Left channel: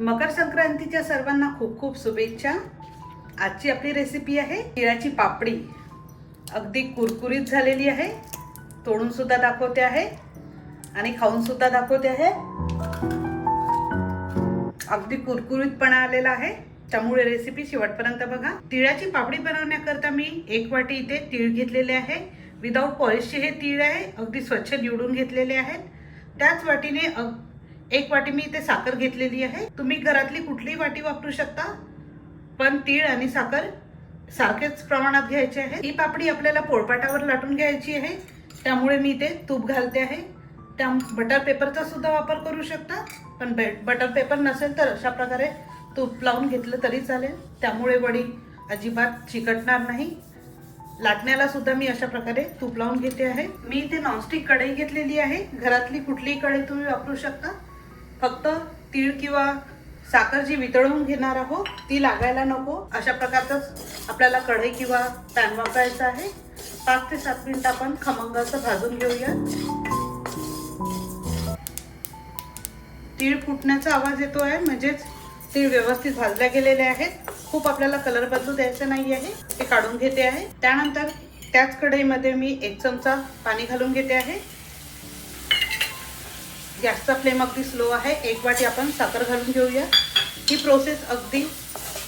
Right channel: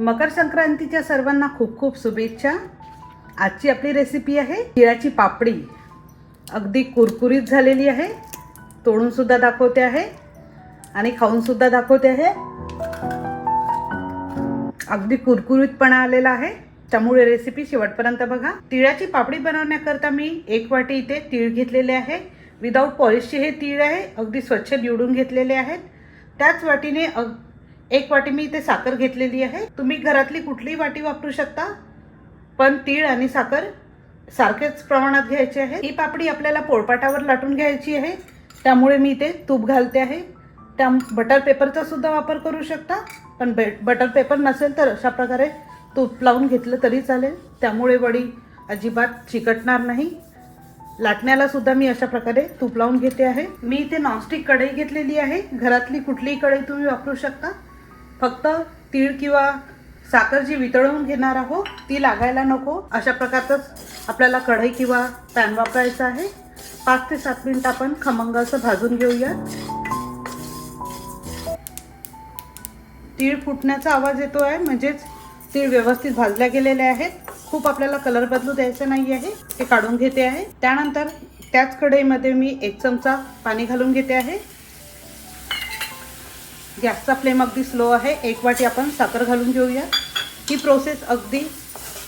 मकर संक्रांतीच्या सर्वांना खूप खूप शुभेच्छा. आजची आपली रेसिपी आहे तिळाची पापडी. अगदी कुरकुरीत झालेली आहे. तोडून सुद्धा दाखवते आहे. आणि खाऊन सुद्धा दाखवते आहे. अगदी कुरकुरीतपणा आलेला आहे. त्यामुळे रेसिपी शेवटपर्यंत बघा. तिळाची पापडी बनवण्याकरता मी एक वाटी इथे तीळ घेतलेले आहे. विदाऊट पॉलिशचे हे तीळ आहे. अगदी स्वच्छ निवडून घेतलेले आहेत. त्याच वाटीने अग- एक वाटी मी इथे साखर घेतलेली आहे. तुम्ही घरातली कुठलीही वाटी वापरू शकता पण तीळ आणि साखर सारखेच प्रमाणात घ्यायचे आहे. ही पापडी आपल्याला पोळपाटावर लाटून घ्यायची आहे. त्यामुळे मी इथे तूप घालते आहे. त्या बटर पेपरचा सुद्धा वापर करू शकता पण बे बटर पेपर नसेल तर अशा प्रकारे तूप लावून घेतलं तरी चालेल. त्यामुळे वडी अजिबात चिकटणार नाही. लाटण्याला सुद्धा मी अशा प्रकारे तूप लावून घेते आहे. मी इथे नॉनस्टिक कढई घेतलेली आहे. घरातली कुठलीही कढई तुम्ही वापरू शकता. फक्त तीळ किंवा साखर जी वितळून घेणार आहोत ती लागायला नको. अशा प्रकारचंच आपल्याला कढई किंवा पॅन वापरायचं आहे. पाच ते सात मिनिट आपण खमंग असं भाजून घेऊया. तीळ फुटण्याचा आवाज येतो आहे म्हणजेच तीळ व्यवस्थित भाजल्या गेलेले आहेत. खूप आपल्याला कलर बदलू द्यायचं नाही आहे हे काढून घेते आहे. त्यानंतर त्याच कढईमध्ये मी एक चमचा पाणी घालून घेते आहे. गॅसचा फ्लेम अगदी स्लो आहे. एक वाटी आपण साखर घालून घेऊया. ही प्रोसेस अगदी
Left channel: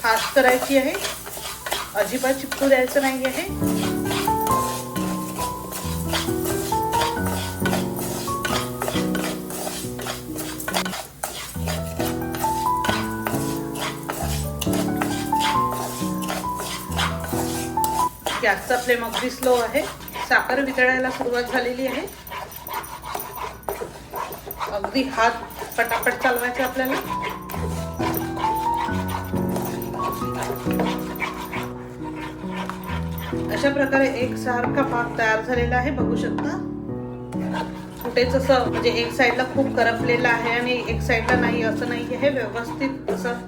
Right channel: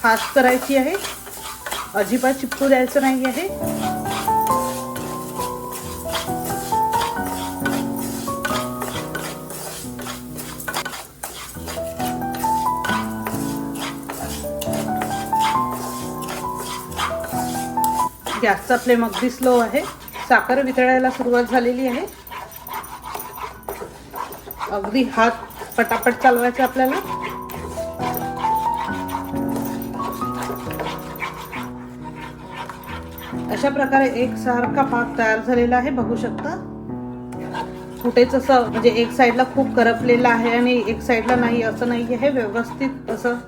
फास्ट करायची आहे. अजिबात चिपकू द्यायचं नाही आहे. गॅसचा फ्लेम अगदी स्लो आहे. साखर वितळायला सुरुवात झालेली आहे. अगदी हात पटापट चालवायचे आपल्याला. अशा प्रकारे एक सारखा पाक तयार झालेला आहे बघू शकता. कुठेच असं म्हणजे एक साईडला खूप करपलेलं आहे आणि एक साईडला नाही असं नाही आहे व्यवस्थित असं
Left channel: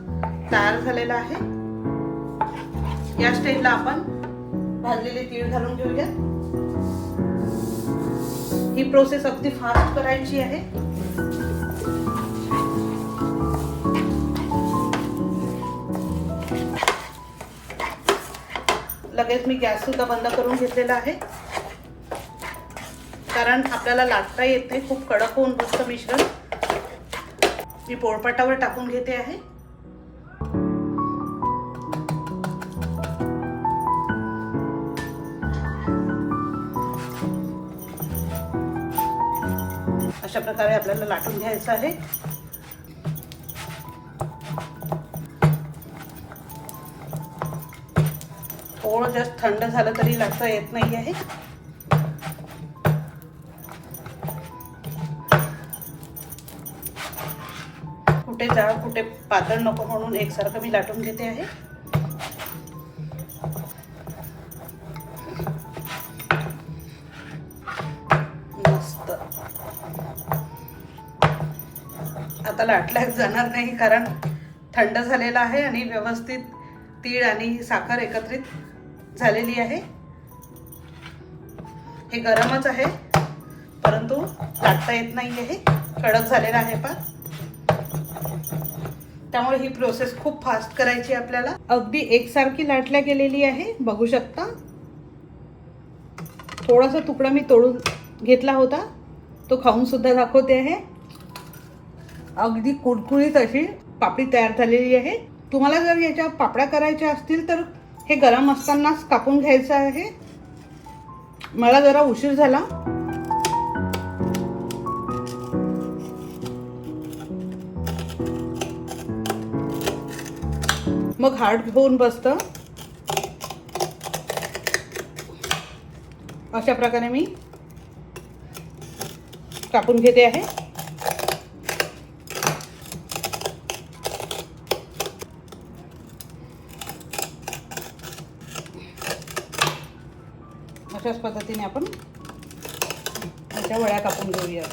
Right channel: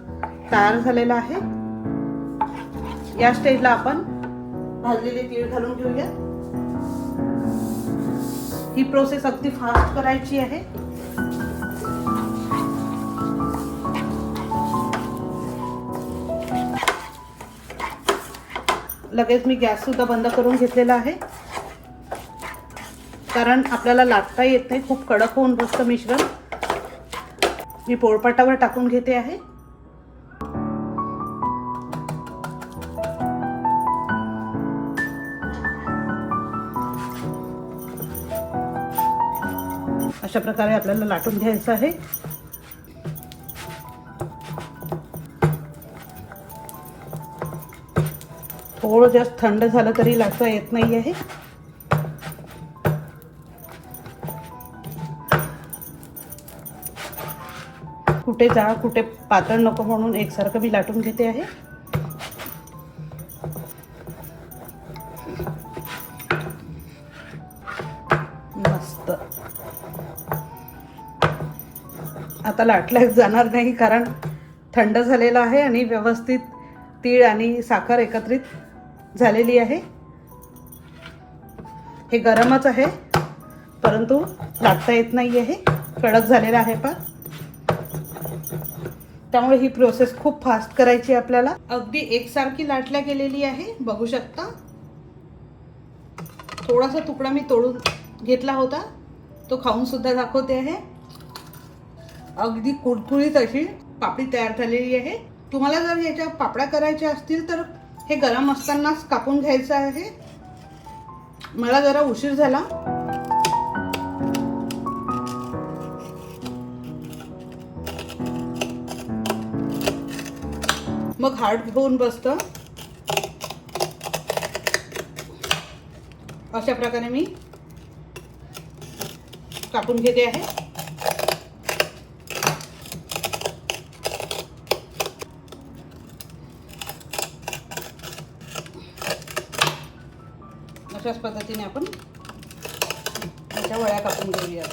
तयार झालेलं आहे. या स्टेजला आपण भाजलेले तीळ घालून घेऊया ही प्रोसेस अगदी फास्ट करायची आहे. लगेच मी गॅस सुद्धा बंद करून घेतलेला आहे. कारण आपल्याला लाटता येत नाही खूप कडक होऊन बसतं मिश्रण. मी पोळपाटावर टाकून घेते आहे. अशा प्रकारे आपल्याला लाटून घ्यायचं आहे. थोडं जास्त थंड झालं तरी लाटता येत नाही आहे. कुठे जा कुठे पातळ नको म्हणून एकसारखं मी लाटून घेते आहे. मस्त. आता लाटल्याच जाणार नाही कारण थंड झालेलं आहे आणि व्यवस्थित तीळ आणि साखर एकत्रित झालेली आहे. हे गरमच आहे परंतु लाटता येत नाही आहे कडक झालेला आहे पा त्यामुळे ही प्रोसेस खूप फास्ट करायची आहे आपल्याला. अगदी एकसारखी लाटल्या गेलेली आहे बघू शकता. थोडासा तुकडा मी तोडून घेतला होता. तो खाऊन सुद्धा दाखवते आहे. अगदी कुडकुळीत अशी पापडी तयार झालेली आहे. तुम्हाला जर याच्या पापड्या करायच्या असतील तर हे गरम असतानाच कापून घ्यायचं आहे. मला जरा उशीर झाला. मग हार्ड होऊन बसतं. अशा प्रकारे मी कापून घेते आहे. अशाच पद्धतीने आपण त्याच्या वळ्या कापून घेऊया.